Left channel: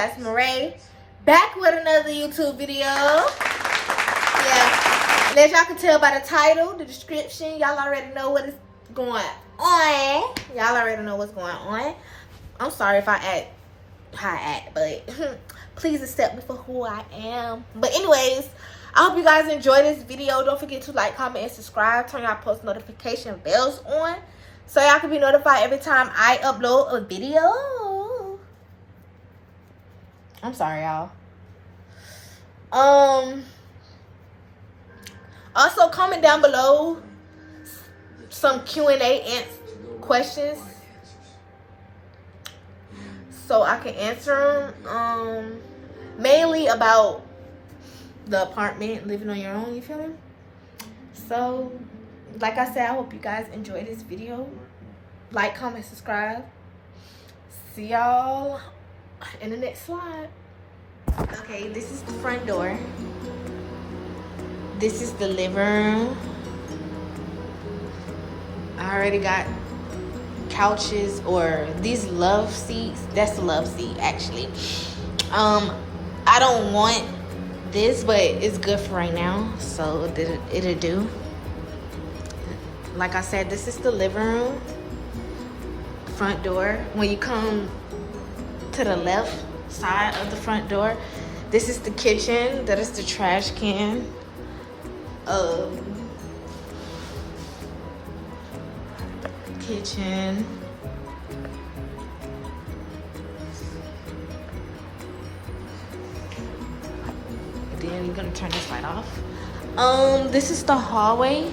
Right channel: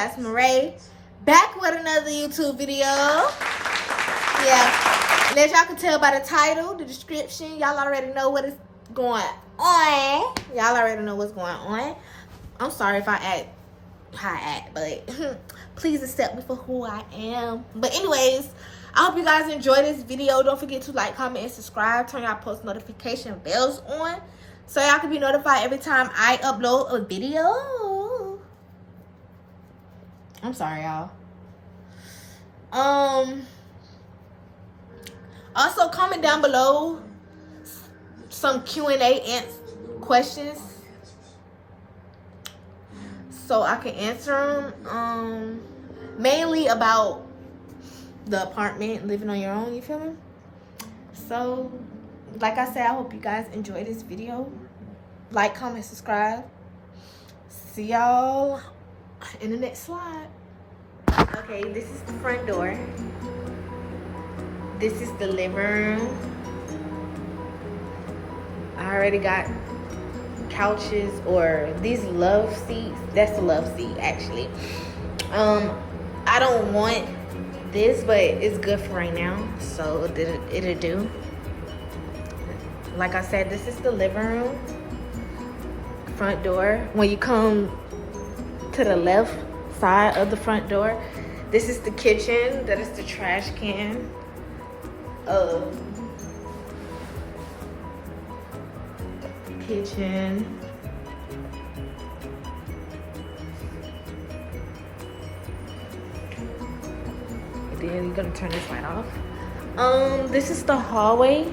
Pastor Marae, back with another YouTube video. Yeah, and as y'all can tell by the title, the description, y'all already know what is going on. Y'all already know what's going on. I'm sorry if I act how I act, but please accept me for who I am. But anyways, I hope you guys enjoy this video. Don't forget to like, comment, and subscribe. Turn y'all post notification bells on so y'all can be notified every time I upload a video. I'm sorry, y'all. Also comment down below some Q&A questions so I can answer them. Mainly about the apartment, living on your own, you feel me? So, like I said, I hope you guys enjoy this video. Like, comment, subscribe. See y'all in the next slide. Okay, this is the front door. This is the living room. I already got couches, or these love seats. That's a love seat, actually. I don't want this, but it's good for right now, so it'll do. Like I said, this is the living room. Front door. When you come to the left side of the front door, this is the kitchen. That is the trash can. Kitchen. And then you're gonna turn this light off. This is the hallway.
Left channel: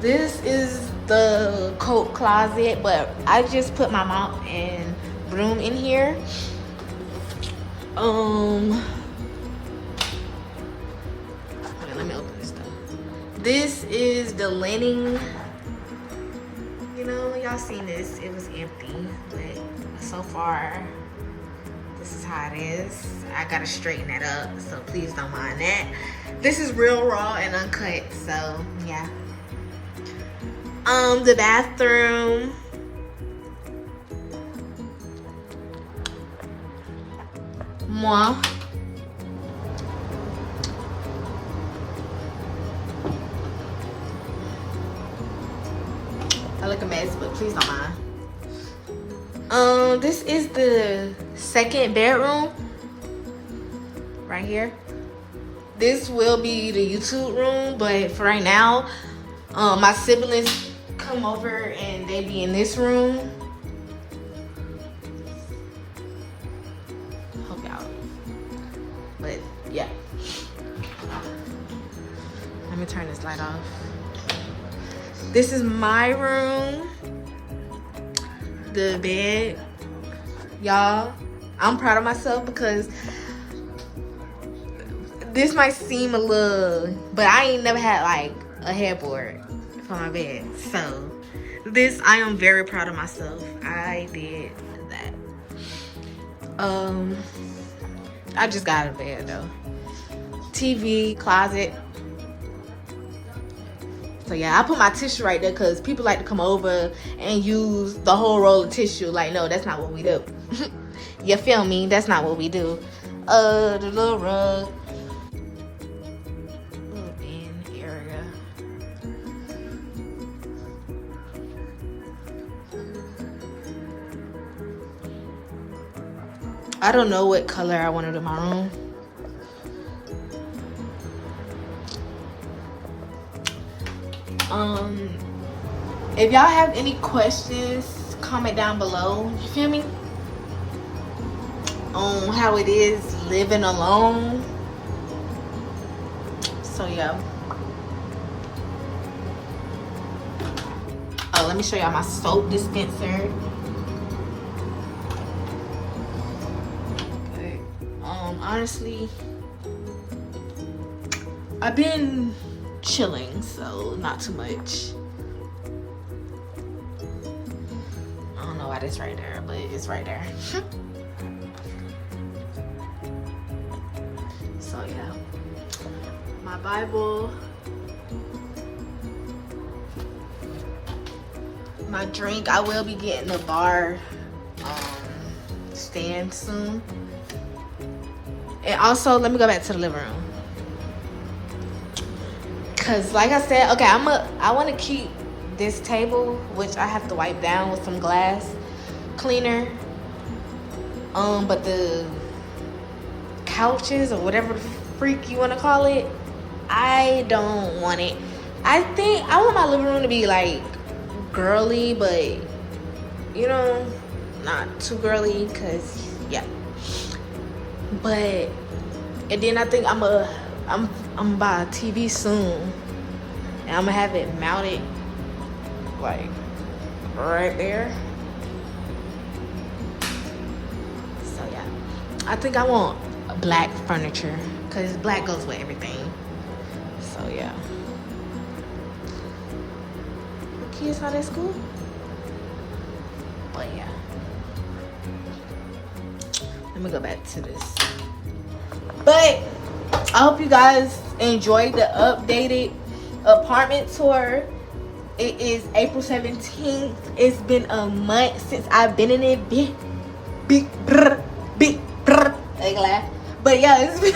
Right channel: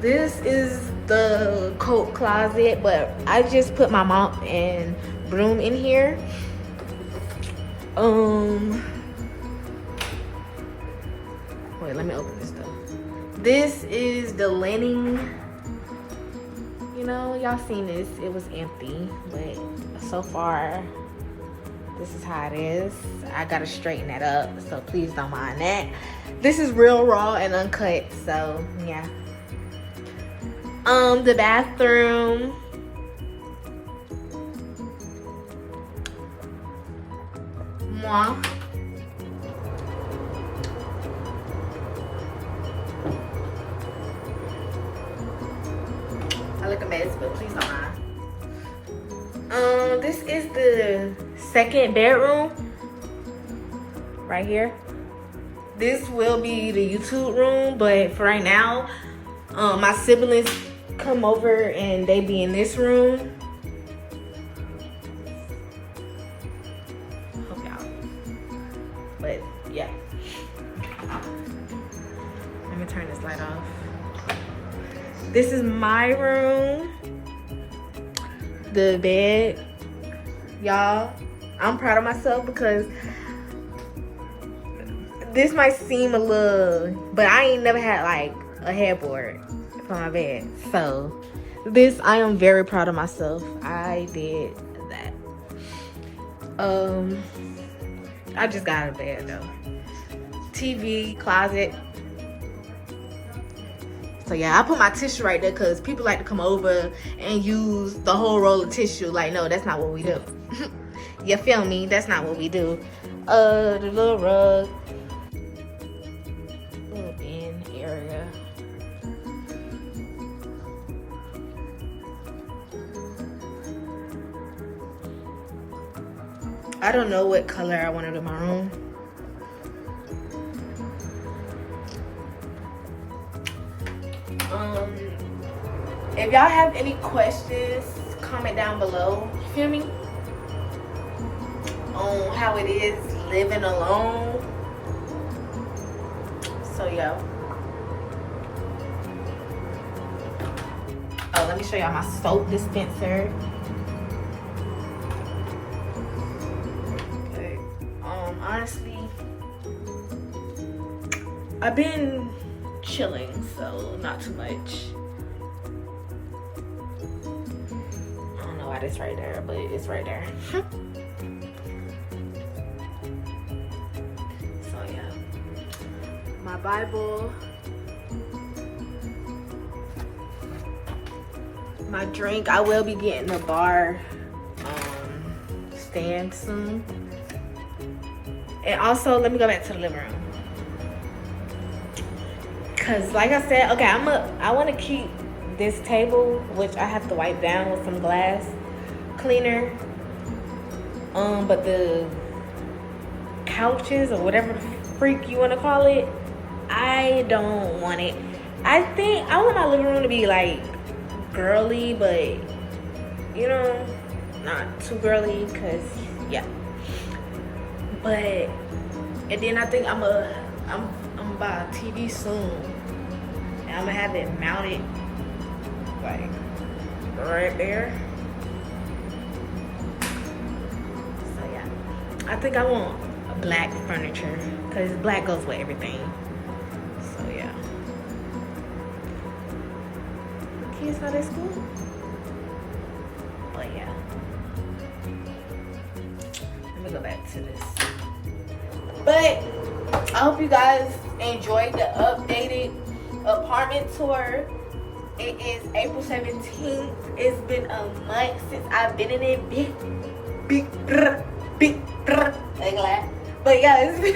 This is the coat closet, but I just put my mop and broom in here. Wait, let me open this though. This is the linen. You know, y'all seen this, it was empty, but so far, this is how it is. I gotta straighten that up, so please don't mind that. This is real raw and uncut, so yeah. The bathroom. Moi. I look a mess, but please don't mind. This is the second bedroom. Right here. This will be the YouTube room, but for right now, my siblings come over and they be in this room. Hope y'all. But yeah. Let me turn this light off. This is my room. The bed. Y'all, I'm proud of myself because this might seem a little, but I ain't never had like a headboard for my bed. So this, I am very proud of myself. I did that. I just got out of bed though. TV, closet. So yeah, I put my tissue right there because people like to come over and use the whole roll of tissue. Like, no, that's not what we do. You feel me? That's not what we do. The little rug. Little bin area. I don't know what color I wanted in my room. If y'all have any questions, comment down below. You feel me? On how it is living alone. So yeah. Oh, let me show y'all my soap dispenser. Okay. Honestly, I've been chilling, so not too much. I don't know why this right there, but it's right there. So yeah, my Bible, my drink. I will be getting a bar stand soon. And also, let me go back to the living room. Cause like I said, okay, I want to keep this table, which I have to wipe down with some glass cleaner. But the couches or whatever the freak you want to call it, I don't want it. I think I want my living room to be like girly, but you know, not too girly, cause yeah. But and then I think I'm gonna buy a TV soon, and I'm gonna have it mounted like right there. So yeah, I think I want black furniture because black goes with everything. So yeah. The kids not at school, but yeah. Let me go back to this. But I hope you guys enjoyed the updated apartment tour. It is April 17th. It's been a month since I've been in it. Big but yeah, it's been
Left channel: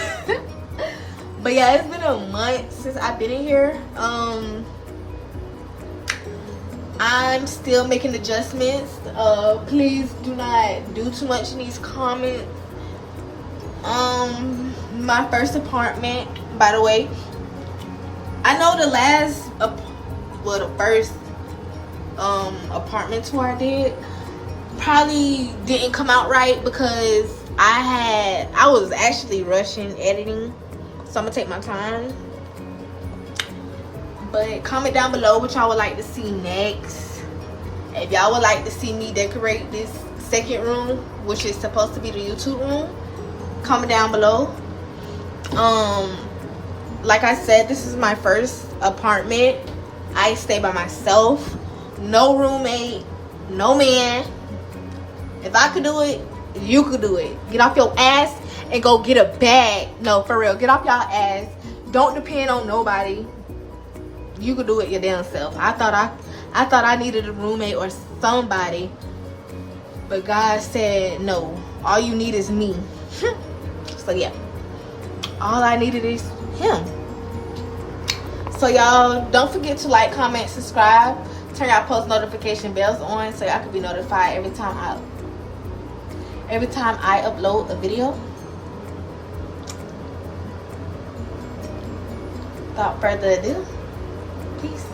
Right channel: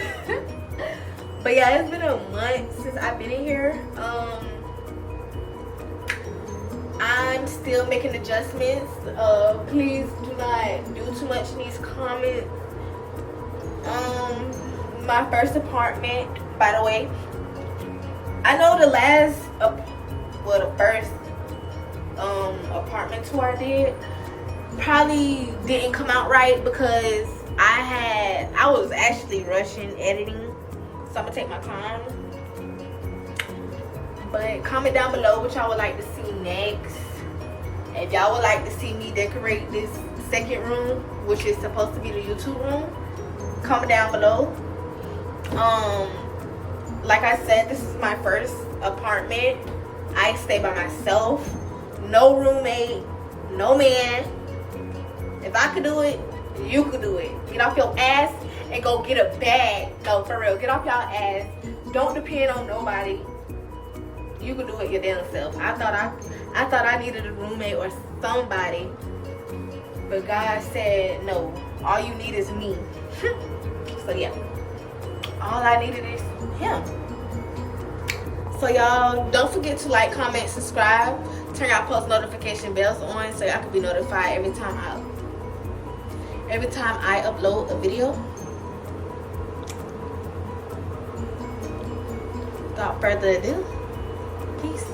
it's been a month since I've been in here. I'm still making adjustments. Please do not do too much in these comments. My first apartment, by the way, I know the first apartment tour I did probably didn't come out right because I was actually rushing editing, so I'm gonna take my time. But comment down below what y'all would like to see next. If y'all would like to see me decorate this second room, which is supposed to be the YouTube room, comment down below. Like I said, this is my first apartment. I stay by myself, no roommate, no man. If I could do it, you could do it. Get off your ass and go get a bag. No, for real, get off y'all ass. Don't depend on nobody. You could do it your damn self. I thought I needed a roommate or somebody, but God said no. All you need is me. So yeah, all I needed is him. So y'all don't forget to like, comment, subscribe, turn y'all post notification bells on so y'all can be notified every time I upload a video. Without further ado, peace.